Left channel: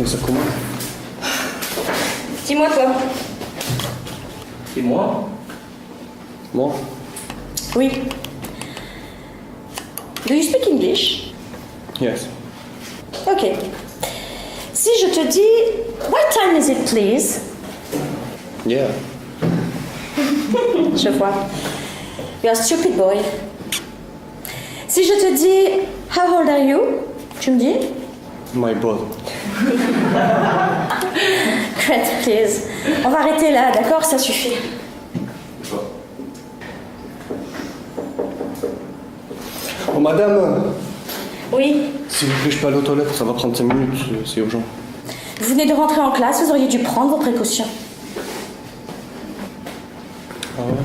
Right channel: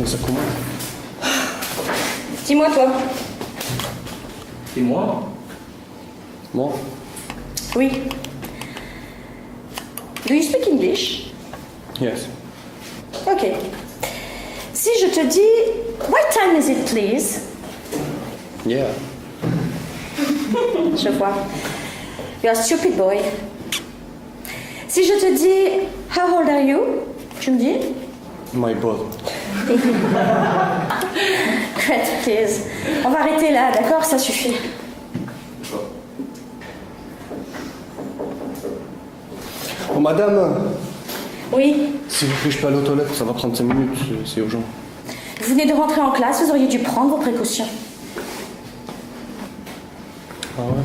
Tiens, ça commence. Dis-moi toi. Et moi? Moi? Oui. Do you speak English? Yes. Ok. Si je te dis, what time is it, please? Yeah. Je vois. You're a stupid boy. Si je te dis, how old are you? Tu me dis? My ball. Great, please. On va arrêter là, d'accord? Ça suffit. Oh, madame! Oui. S'il vous plaît, je peux aller aux toilettes, ça va prendre 5 minutes, c'est urgent. Vous venez de rentrer en classe, vous auriez dû prendre vos précautions. Ah ouais?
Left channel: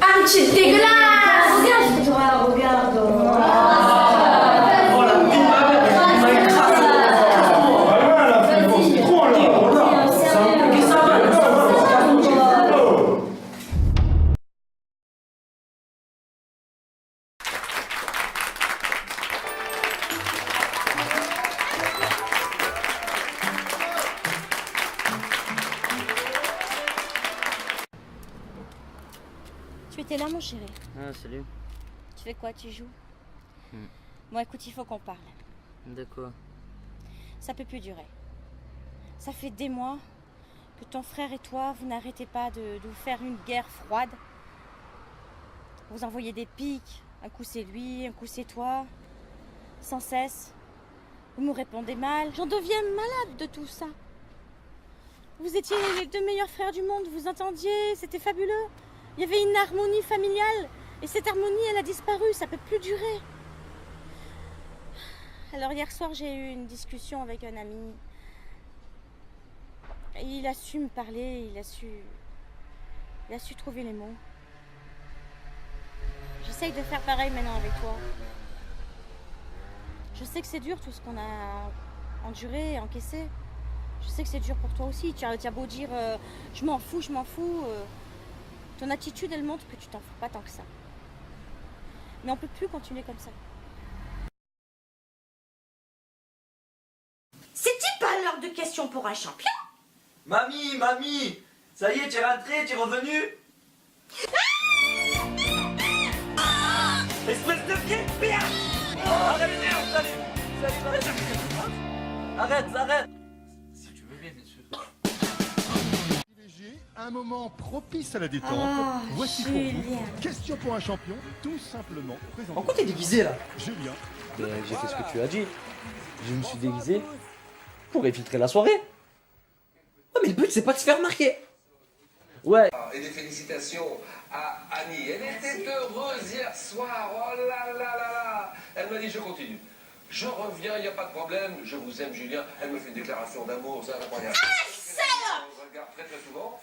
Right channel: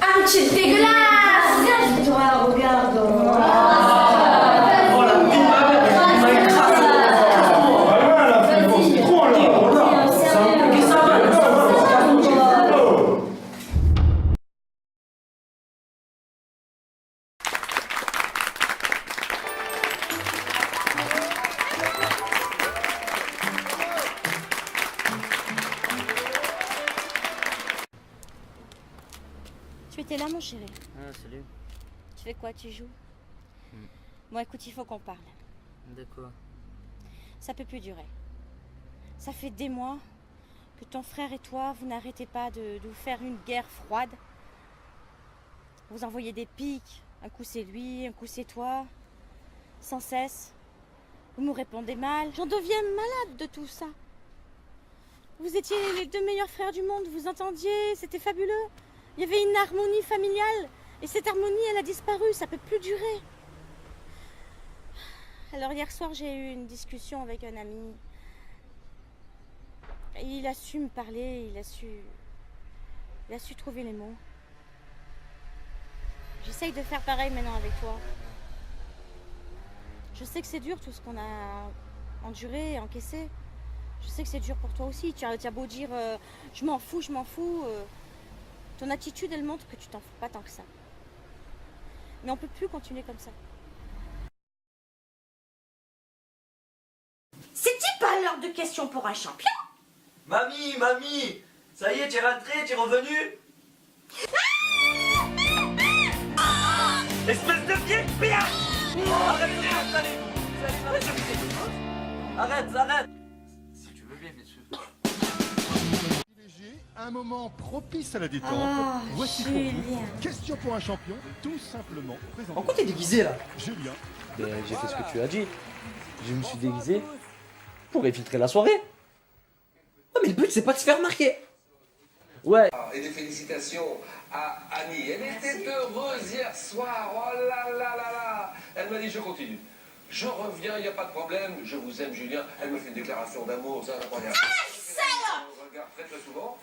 Ah, tu es dégueulasse! Regarde. Tu étais là, mon chéri. Ah, salut. Tu fais quoi? Tu joues? Bon, écoute, il faut qu'on parle. De quoi? Ça peut plus durer. Ça fait des mois que ton frère et toi, vous n'arrêtez pas de vous faire une guerre froide. Vous envoyez des pics. Un coup c'est lui, un coup c'est toi. Sans cesse. Vous me répondez mal. J'en deviens malade de tout ça. Vous étiez les deux meilleurs frères du monde. Vous entendiez, c'était fabuleux. Il y avait une harmonie familiale. Et cette harmonie, elle a disparu. Ça peut plus durer. Alors hier soir, j'ai eu une discussion avec un ami. Et il a su me parler, il a su trouver les mots. J'essaye de faire pareil maintenant avec toi. Je sais que c'est dur tout ce qu'on a enduré et encaissé. Je sais que c'est dur pour toi aussi. Tu as beau dire je m'en fous. Ton attitude, elle montre que tu t'en fous pas tant que ça. Mais on peut plus continuer comme ça. C'est-il pas l'heure de question pour un champion? Mamie, ça y est, tu es rentré, tu es revenu? Espèce de pied, rien! Arrête, arrête! Si tu veux bien, bien sûr. Un moment propice à la détente. Ah, Voici pour Julien. vous, question pour un champion, tout simplement présenté. En quoi t'es déguisé là? Julien. J'ai fait ce que tu as dit. Je me suis déguisé pour infiltrer la soirée. Oh, mais le but c'est pas de se faire remarquer. Ouais. Et des félicitations à Annie. Elle était heureuse hier soir. Oh là là là là. Elle m'a dit je continue. Je reviens, il n'y a pas de problème. Je vous aime, Julien. Elle me fait une déclaration d'amour, c'est incroyable. On se regarde très très souvent.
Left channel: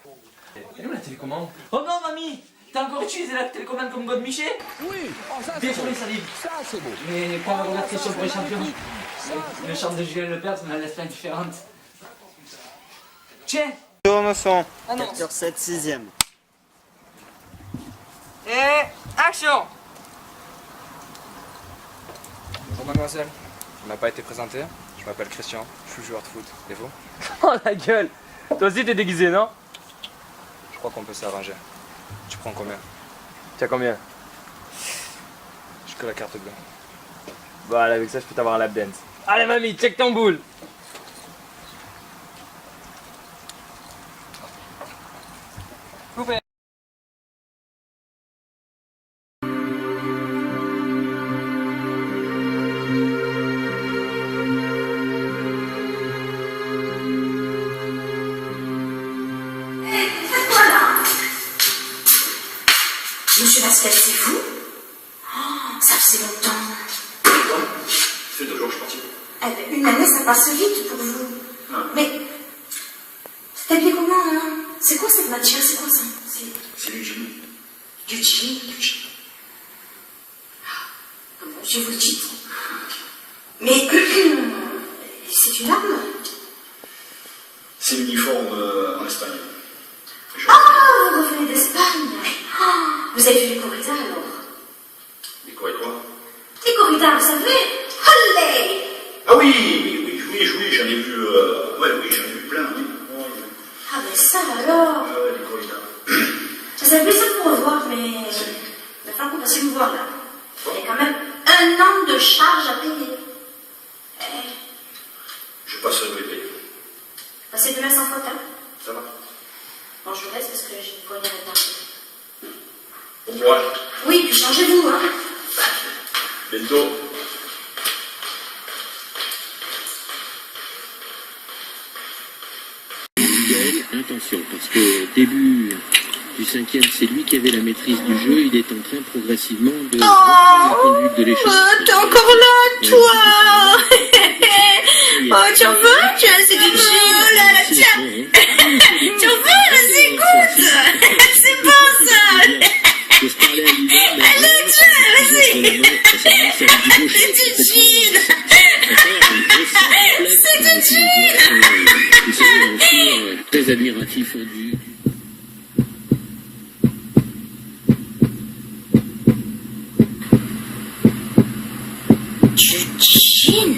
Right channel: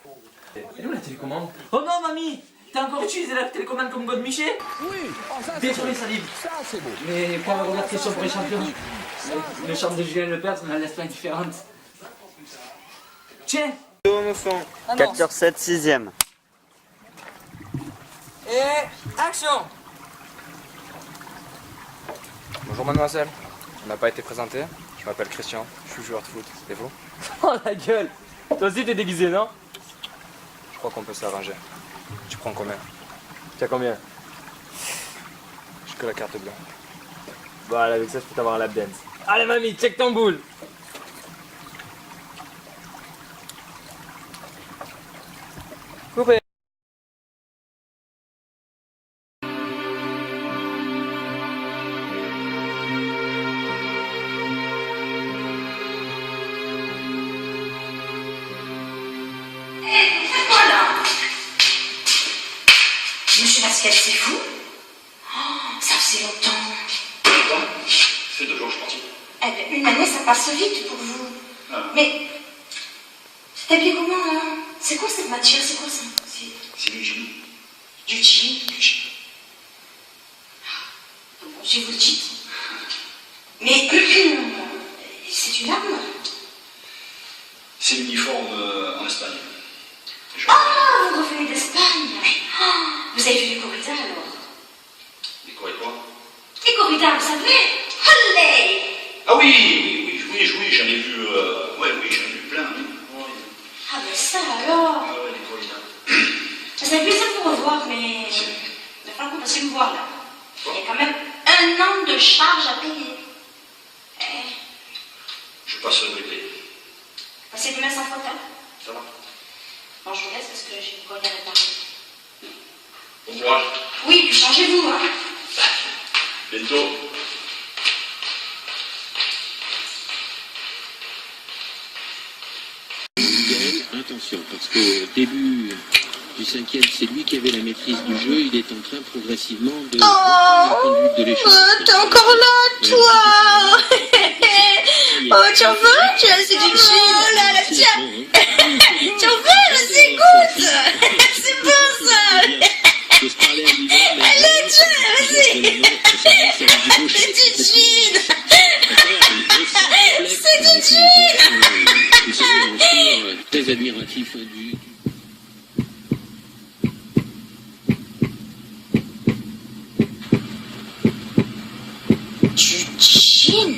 Elle est où la télécommande? Oh non, mamie! T'as encore utilisé la télécommande comme God Miché? Oui, ça Désolé, Salim. Ça c'est beau. Mais quand on regarde question pour les champions, le chant de Julien Lepers me la laisse pas indifférente. Tiens! 4 sur 7, 6ème. Et action! Bonjour mademoiselle, on n'a pas été présenté. Je m'appelle Christian, je suis joueur de foot. Et vous? Oh la gueule! Toi aussi t'es déguisé, non? Je crois qu'on peut s'arranger. Tu prends combien? T'as combien? J'ai que la carte bleue. Voilà, avec ça je peux t'avoir un lap dance. Allez mamie, check ton boule! Monsieur Lascal, c'est vous? Oh, ça faisait longtemps. Longtemps? Ça fait 2 jours que je suis parti. Eh ben, une année, ça passe vite pour vous. Mais, t'es habillé comment, alors? C'est quoi cette matière? C'est quoi ça? C'est du jean. Du jean? Du jean. Ah, bon, je vous le dites. Mais, c'est une arme? C'est l'uniforme en Espagne. Ah, vous revenez d'Espagne? champagne. Oh, vous avez vu les corridas alors? Les quoi et quoi? Les corridas, vous savez? Allez! Ah oui, j'en ai vu, oui, j'en ai vu plein, oui. Ah ben ça alors! Ah ouais, les corridas. Ça fait plaisir de vous revoir, mais il va falloir qu'on passe me voir là. Il y a quand même 1 an de charge à payer. Je passe le payer. Passez demain sans faute, hein? Ça va? Bon, je vous laisse parce que j'ai une poignée à réparer. Bon courage. Oui, puis changez-vous, hein? Bientôt. Attention, parce que début du 5e, c'est lui qui avait la maîtrise du jeu. Il est en train progressivement de la conduite de l'échec. T'es encore là, toi? Oh, tu en veux? Tu as assez du jus, oh là là, tiens! Tu en veux? Vas-y, goûte! C'est bon, ça! Allez, tiens, vas-y! C'est du gin! C'est du gin! Très admiratif du... Du gin?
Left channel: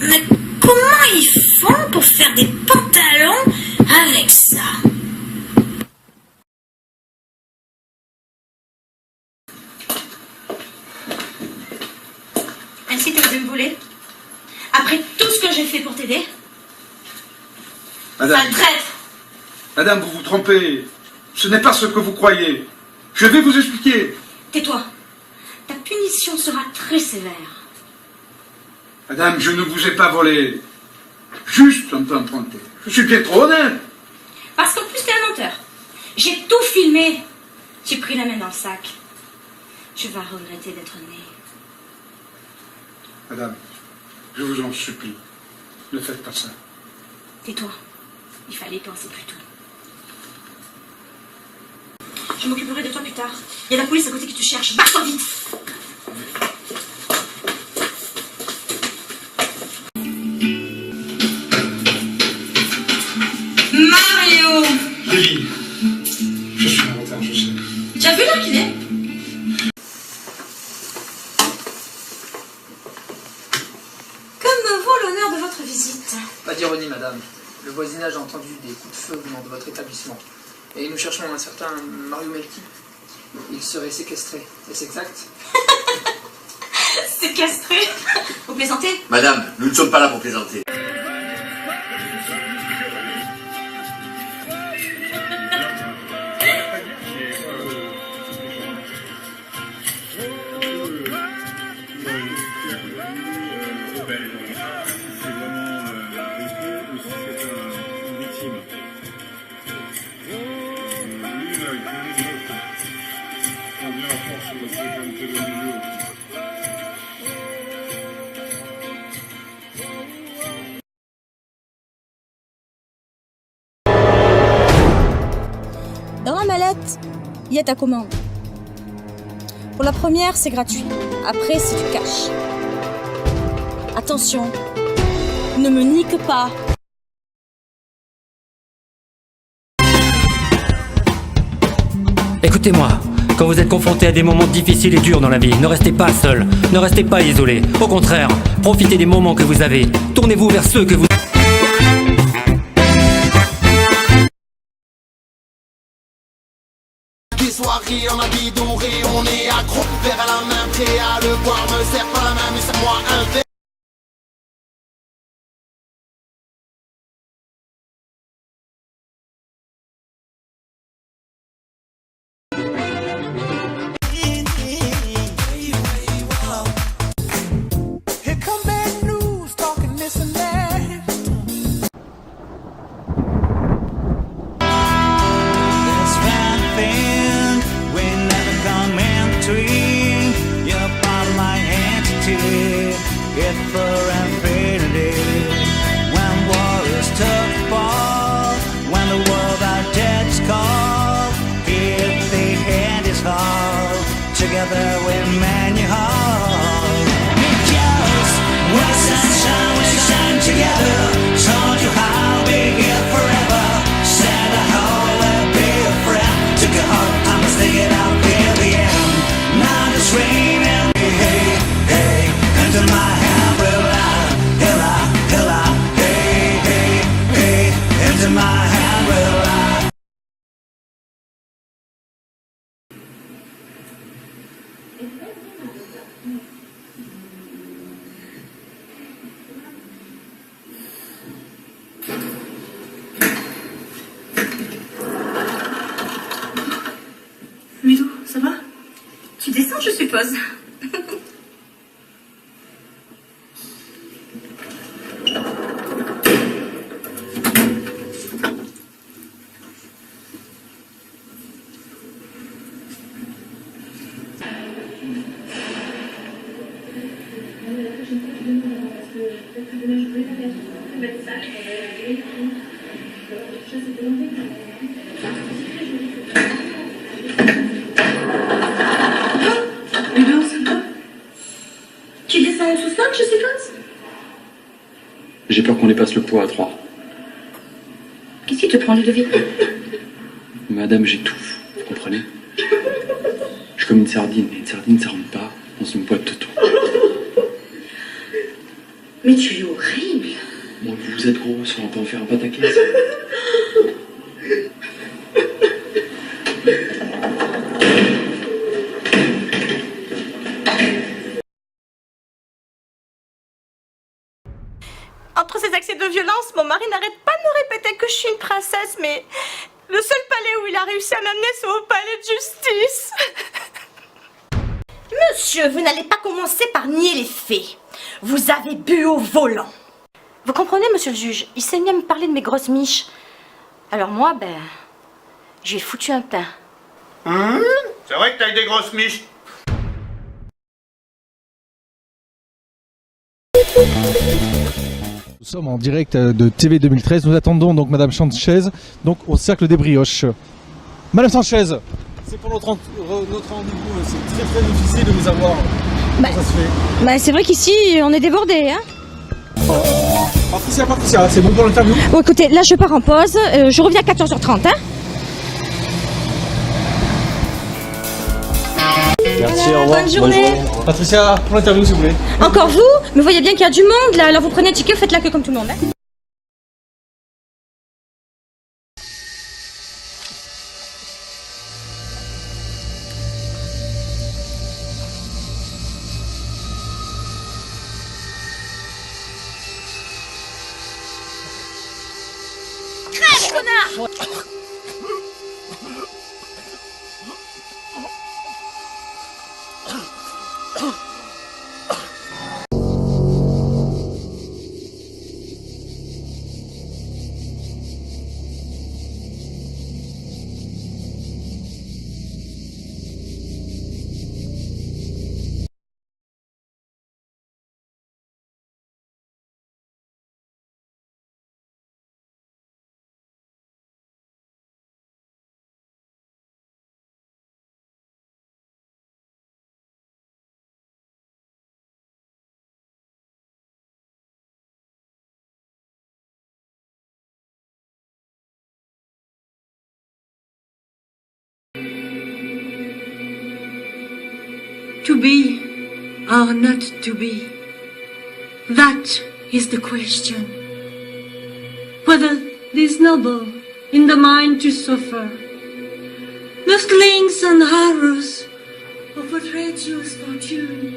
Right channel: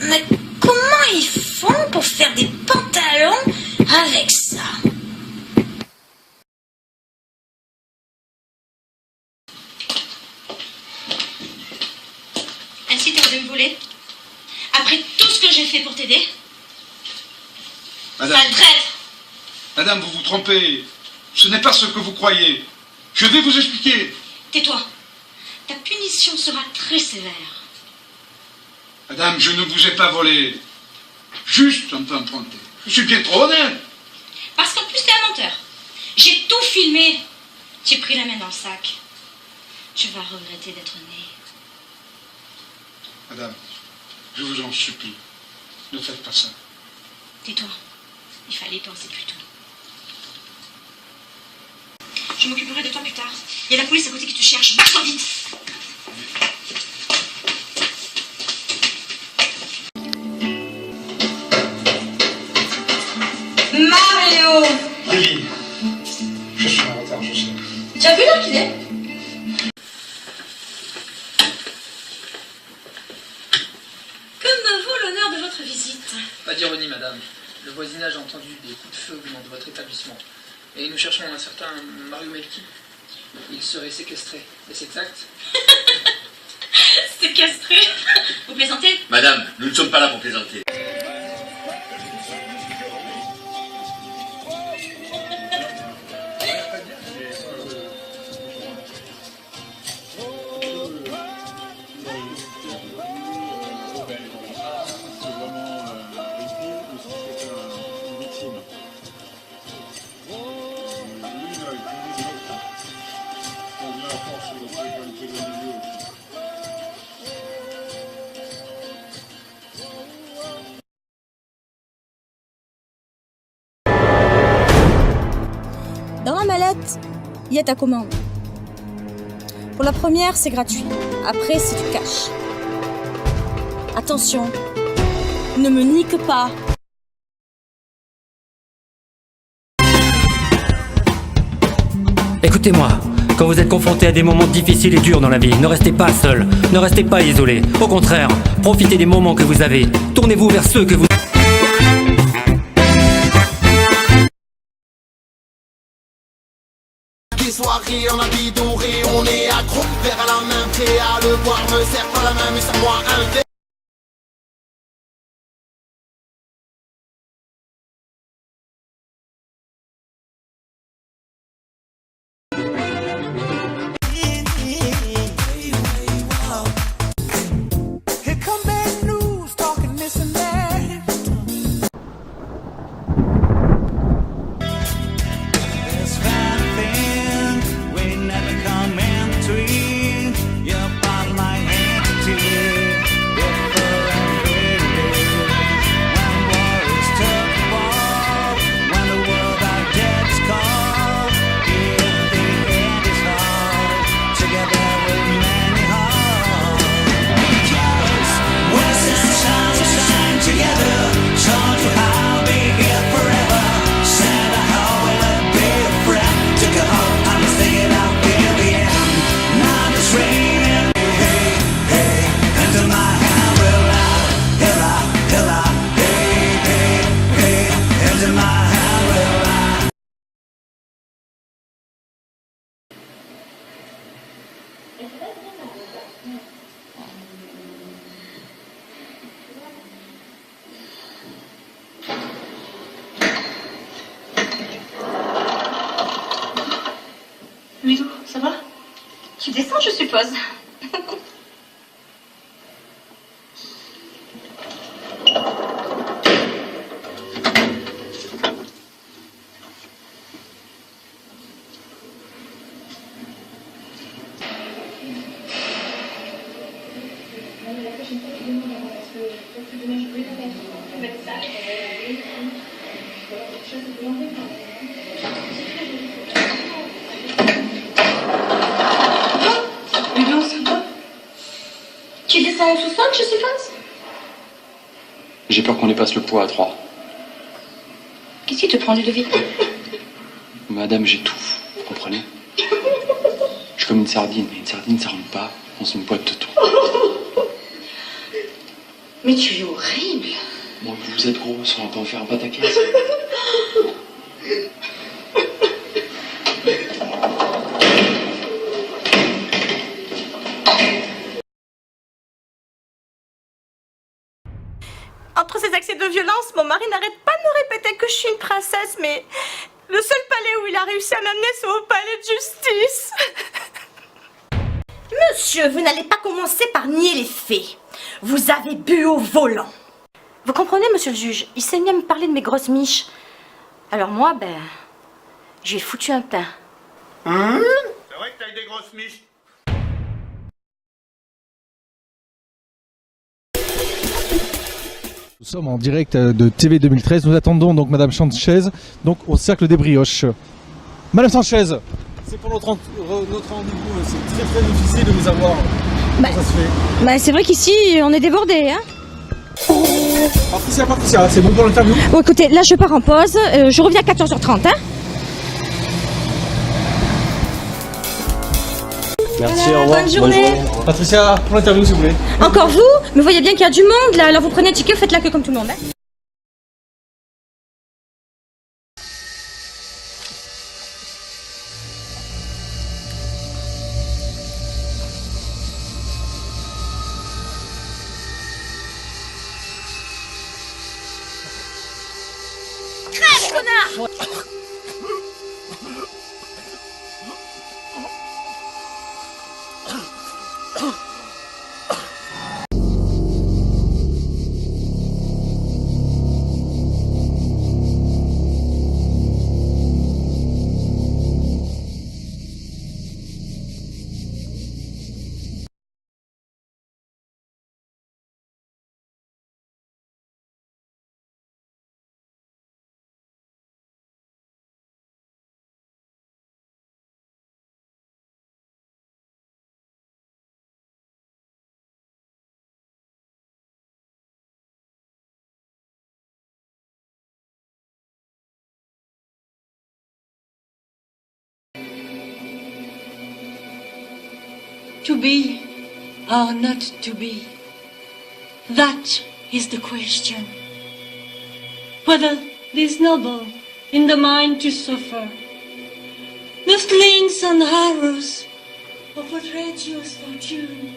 Mais comment ils font pour faire des pantalons avec ça? Ainsi, t'as de me voler? Après tout ce que j'ai fait pour t'aider? Madame, Sale traître! madame, vous vous trompez. Ce n'est pas ce que vous croyez. Je vais vous expliquer. Tais-toi. Ta punition sera très sévère. Madame, je ne vous ai pas volé. Juste un peu emprunté. Je suis bien trop honnête. Parce qu'en plus, t'es un menteur. J'ai tout filmé. J'ai pris la main dans le sac. Tu vas regretter d'être né. Madame, je vous en supplie. Ne faites pas ça. Tais-toi. Il fallait y penser plus tôt. Je m'occuperai de toi plus tard. Il y a la police à côté qui te cherche. Barre-toi vite! Mario! Lily, je suis en retard, je sais. Tu as vu l'heure qu'il est? Que me vaut l'honneur de votre visite? Pas d'ironie, madame. Le voisinage a entendu des coups de feu venant de votre établissement. Et nous cherchons un certain Mario Melki. Il serait séquestré. Est-ce exact? Séquestré? Vous plaisantez? Madame, nous ne sommes pas là pour plaisanter. Dans la mallette, il y a ta commande. Pour la première, c'est gratuit. Après, c'est du cash. Attention, ne me nique pas. Écoutez-moi, quand vous êtes confronté à des moments difficiles et durs dans la vie, ne restez pas seul, ne restez pas isolé. Au contraire, profitez des moments que vous avez. Tournez-vous vers ceux que vous... Soirée en habit doré, on est accro, verre à la main, prêt à le boire, me serre pas la main, mais serre-moi un verre. Here come bad news, talking this and that. This fine thing we never come into. You're part of my entity. Tu descends, je suppose. Tu descends au sous-sol, je suppose? J'ai peur qu'on dépasse le poids à 3. Qu'est-ce qui te prend, Ludovic? Madame, j'étouffe, vous comprenez? Je suis comme une sardine, et une sardine ça rentre pas dans une boîte de thon. Mais tu es horrible. Bon, vous êtes grosse, on va pas faire un pataquès. Entre ces accès de violence, mon mari n'arrête pas de me répéter que je suis une princesse, mais le seul palais où il a réussi à m'amener, c'est au palais de justice. Monsieur, vous n'allez pas commencer par nier les faits. Vous avez bu au volant. Vous comprenez, monsieur le juge? Il s'est mis à me parler de mes grosses miches. Alors moi, j'ai foutu un teint. C'est vrai que t'as eu des grosses miches. Nous sommes en direct de TV 2013. Nous attendons donc Madame Sanchez, donc au Cercle des Brioches. Madame Sanchez, c'est pour notre rendez-vous. C'est très très difficile de vous avoir. Comment ça se fait? C'est vrai qu'ici, on est débordés, hein. Patricia, c'est bon pour l'interview? Bon, écoutez, là, je pars en pause. Je reviens à 14h30, hein. Merci, Voilà, au revoir. bonne journée. Patricia, pour l'interview s'il vous plaît. Encore vous? Mais vous voyez bien qu'il y a du monde, là. Alors vous prenez un ticket, vous faites la queue comme tout le monde, hein. Crève, connard! To be or not to be, that is the question. Whether it is noble in the mind to suffer the slings and arrows of a traitorous fortune.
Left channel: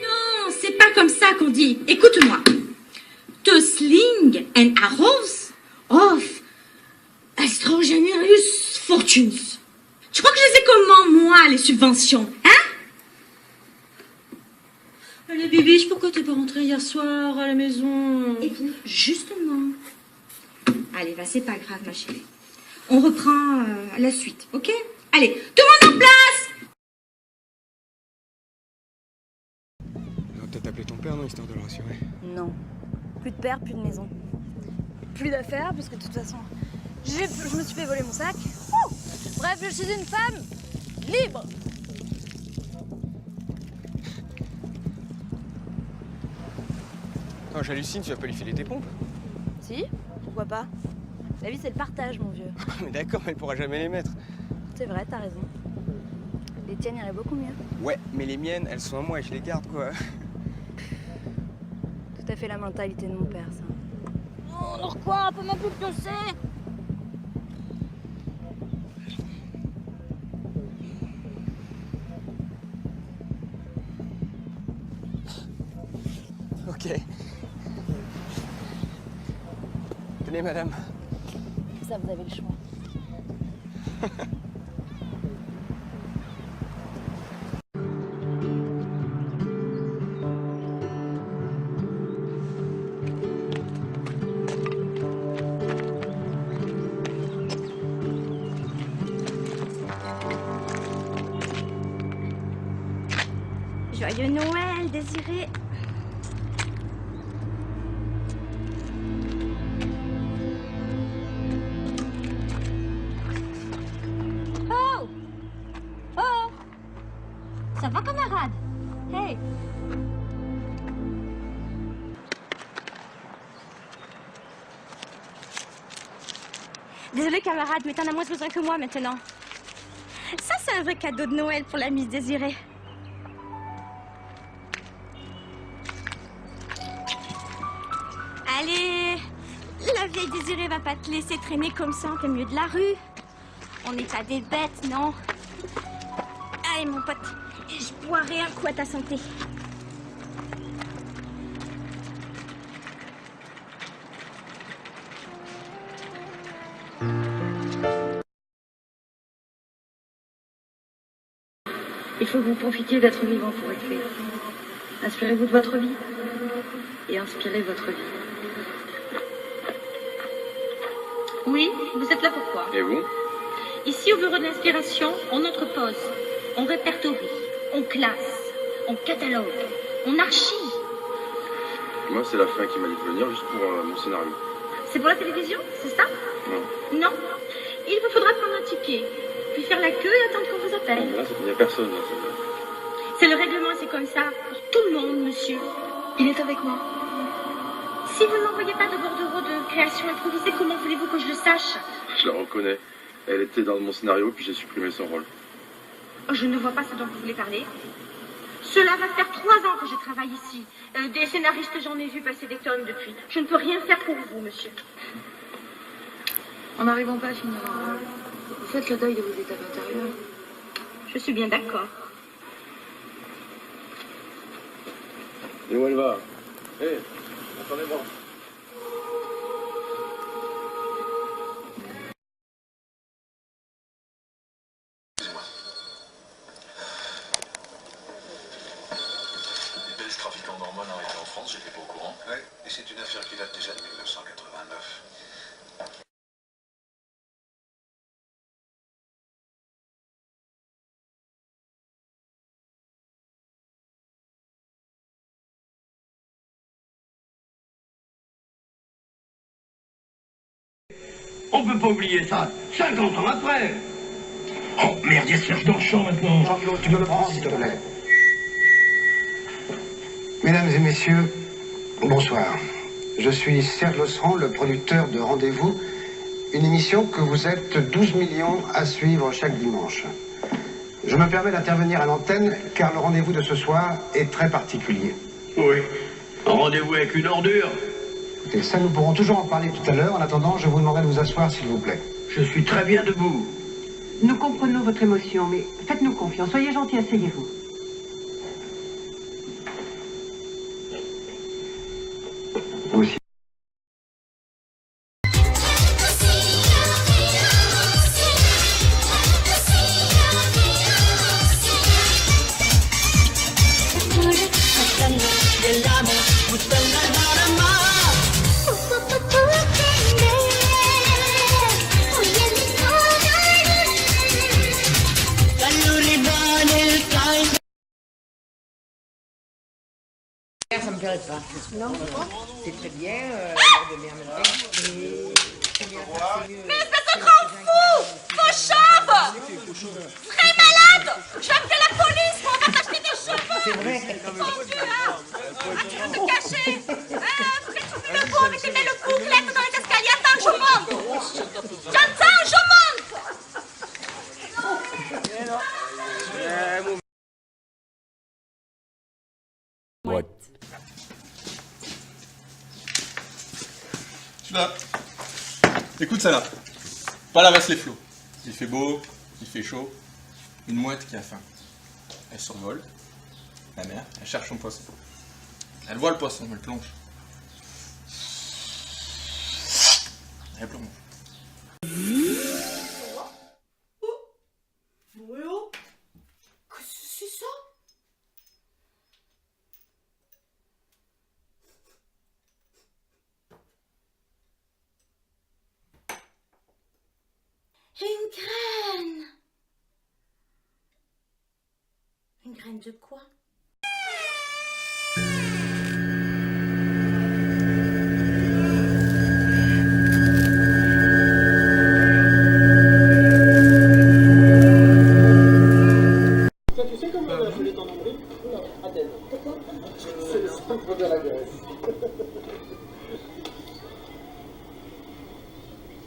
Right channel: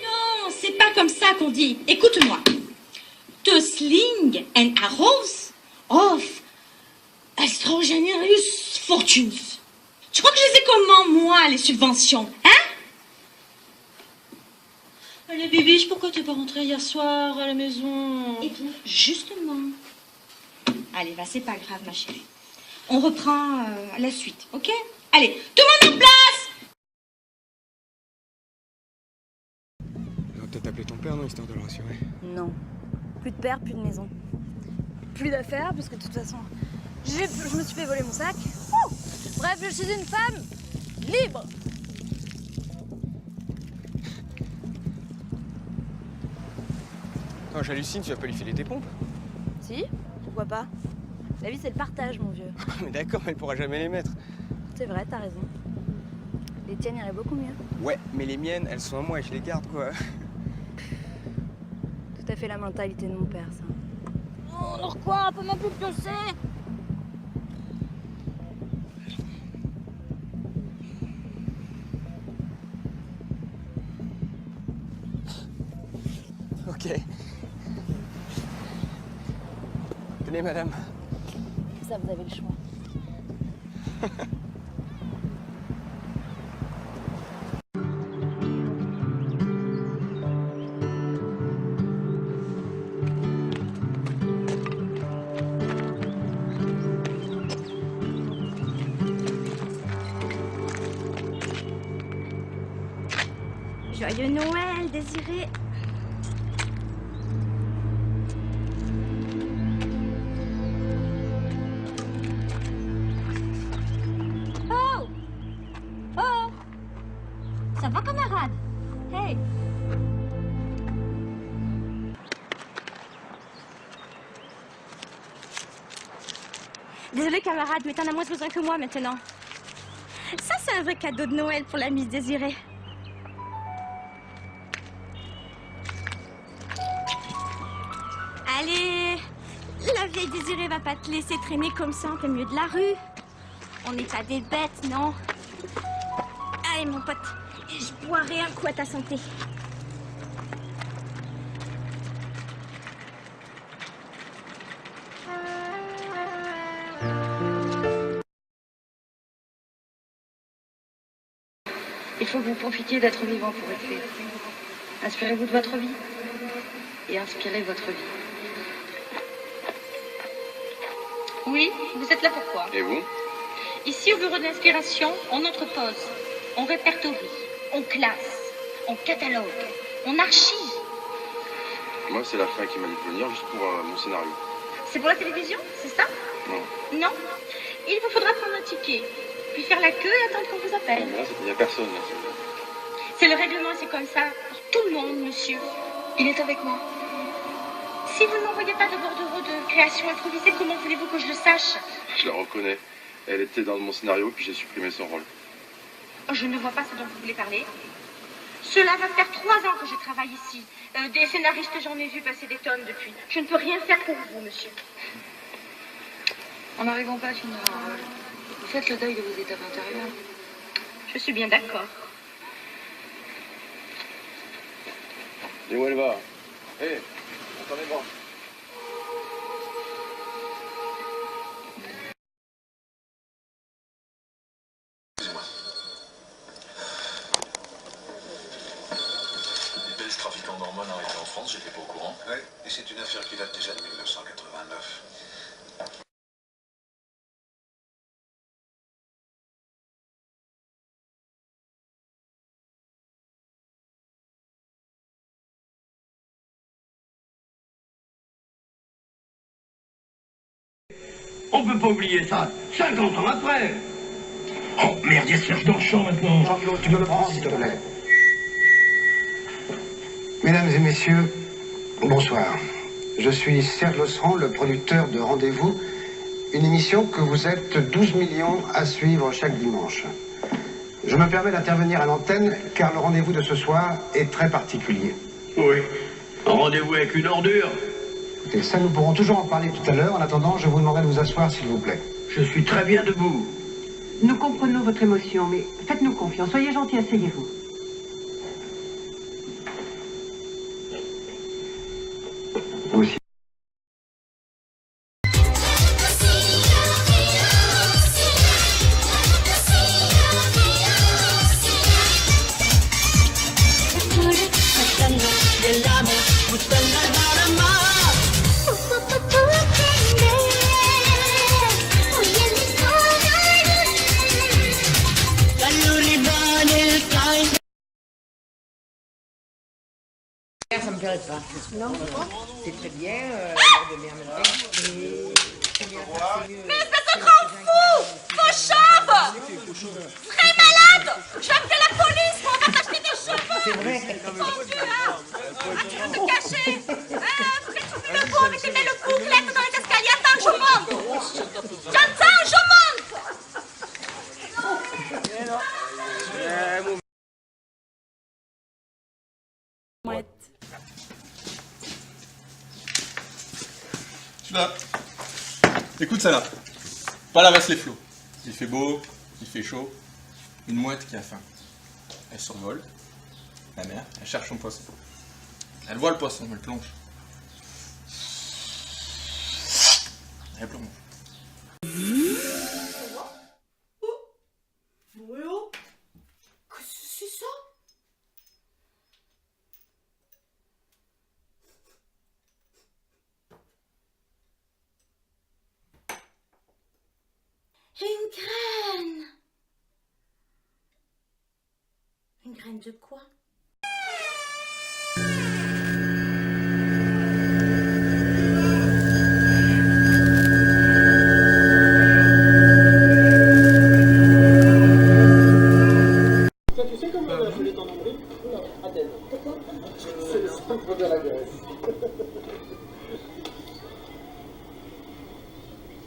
Non, c'est pas comme ça qu'on dit. Écoute-moi. To sling and arrows of extraordinarious fortunes. Tu crois que je sais comment, moi, les subventions, hein? Allez, Bibiche, pourquoi t'es pas rentrée hier soir à la maison? Eh bien, justement. Allez, c'est pas grave, ma chérie. On reprend la suite, ok? Allez, tout le monde en place! On va peut-être appeler ton père, non, histoire de le rassurer. Non. Plus de père, plus de maison. Plus d'affaires, parce que de toute façon, je me suis fait voler mon sac. Oh, bref, je suis une femme libre. Quand j'hallucine, tu vas pas lui filer tes pompes? Si, pourquoi pas? La vie, c'est le partage, mon vieux. Mais d'accord, elle pourra jamais les mettre. C'est vrai, t'as raison. Les tiennes iraient beaucoup mieux. Ouais, mais les miennes, elles sont à moi et je les garde, quoi. Tout à fait la mentalité de mon père, ça. Oh, alors quoi? On peut même plus le pioncer. Ok. Tenez, madame. Ça, vous avez le choix. Joyeux Noël, Désiré. Oh! Oh! Ça va, camarade? Hey! Désolé, camarade, mais t'en as moins besoin que moi maintenant. Ça, c'est un vrai cadeau de Noël pour la Miss Désirée. Allez, la vieille Désirée va pas te laisser traîner comme ça en plein milieu de la rue. On n'est pas des bêtes, non? Allez, mon pote, je boirai un coup à ta santé. Il faut que vous profitiez d'être vivant pour être fait. Inspirez-vous de votre vie et inspirez votre vie. Oui, vous êtes là pourquoi? Et vous? Ici, au bureau de l'inspiration, on entrepose, on répertorie, on classe, on catalogue, on archive. Moi, c'est la fin qui m'a dit de venir juste pour mon scénario. C'est pour la télévision, c'est ça? Non. Non. Il vous faudra prendre un ticket, puis faire la queue et attendre qu'on vous appelle. Là, il n'y a personne. Là, c'est le règlement, c'est comme ça. Pour tout le monde, monsieur. Il est avec moi. Si vous n'envoyez pas de bordereau de création improvisée, comment voulez-vous que je le sache? Je la reconnais. Elle était dans mon scénario, puis j'ai supprimé son rôle. Je ne vois pas ce dont vous voulez parler. Cela va faire 3 ans que je travaille ici. Des scénaristes, j'en ai vu passer des tonnes depuis. Je ne peux rien faire pour vous, monsieur. En n'arrivant pas à finir un rôle, faites le deuil de vos étapes intérieures. Je suis bien d'accord. Et où elle va? Hé, attendez-moi. Les Belges trafiquants d'hormones arrêtés en France, j'étais pas au courant. Ouais, et c'est une affaire qui date déjà de 1989. On peut pas oublier ça, 50 ans après. Oh merde, il y a Serge dans le champ maintenant. Jean-Claude, tu me le prends, s'il te plaît. Mesdames et messieurs, bonsoir. Je suis Serge Losserand, le producteur de Rendez-vous, une émission que vous êtes 12 millions à suivre chaque dimanche. Je me permets d'intervenir à l'antenne car le rendez-vous de ce soir est très particulier. Oui, un rendez-vous avec une ordure. Écoutez, ça nous pourrons toujours en parler tout à l'heure. En attendant, je vous demanderai de vous asseoir, s'il vous plaît. Je suis très bien debout. Nous comprenons votre émotion, mais faites-nous confiance. Soyez gentils, asseyez-vous. Vous aussi. Ça me plairait pas. Non, c'est très bien, de bien me Mais espèce de grand fou! Faux chauve! Très malade! Je vais appeler la police, on va t'acheter des cheveux! C'est vrai. Arrête de te cacher! Faut qu'elle trouve le coup avec les belles bouclettes dans les escaliers. Attends, je monte! J'attends, je monte! Là. Écoute ça là. Pas la vasse les flots. Il fait beau, il fait chaud. Une mouette qui a faim. Elle survole. La mer, elle cherche son poisson. Elle voit le poisson, elle plonge. Elle plonge. Qu'est-ce que c'est ça? Une graine. Une graine de quoi?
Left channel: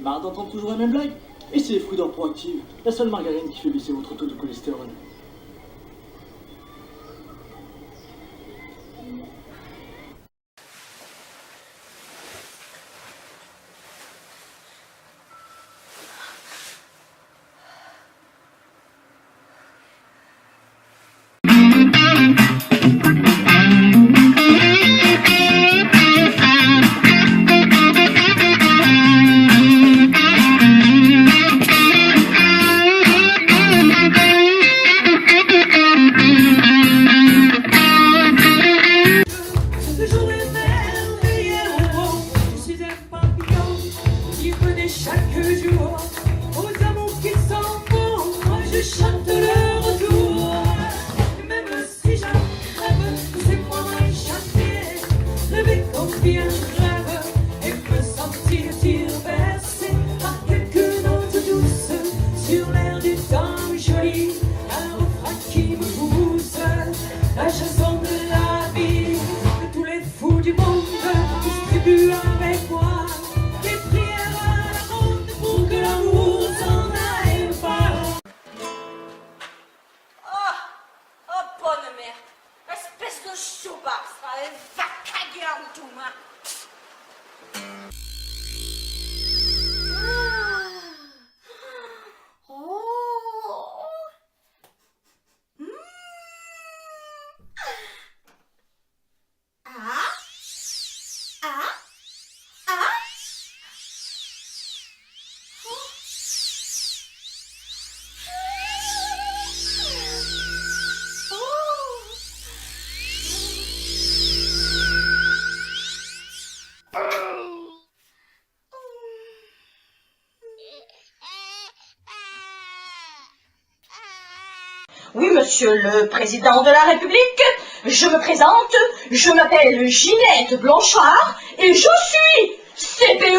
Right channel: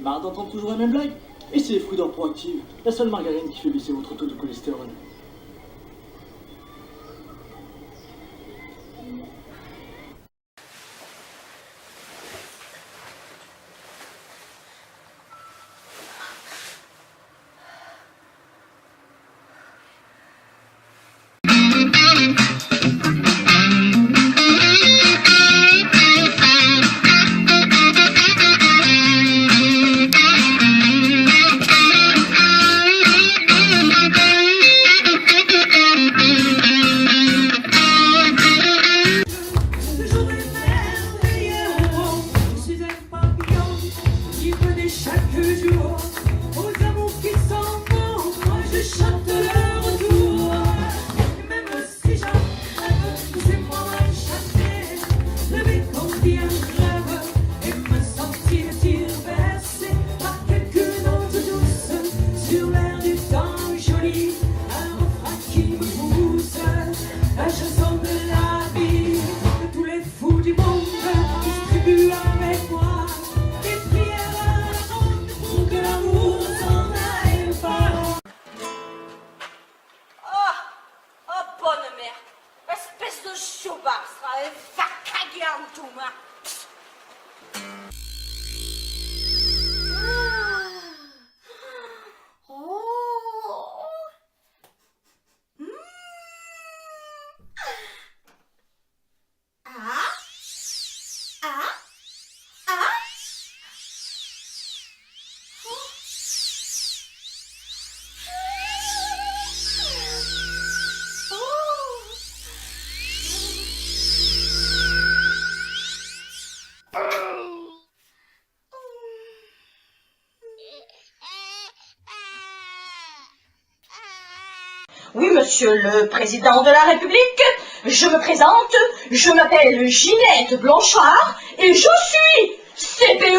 Marre d'entendre toujours la même blague. Et c'est les fruits d'or proactive, la seule margarine qui fait baisser votre taux de cholestérol. Oui, monsieur le président de la République, je me présente, je m'appelle Ginette Blanchard et je suis CPE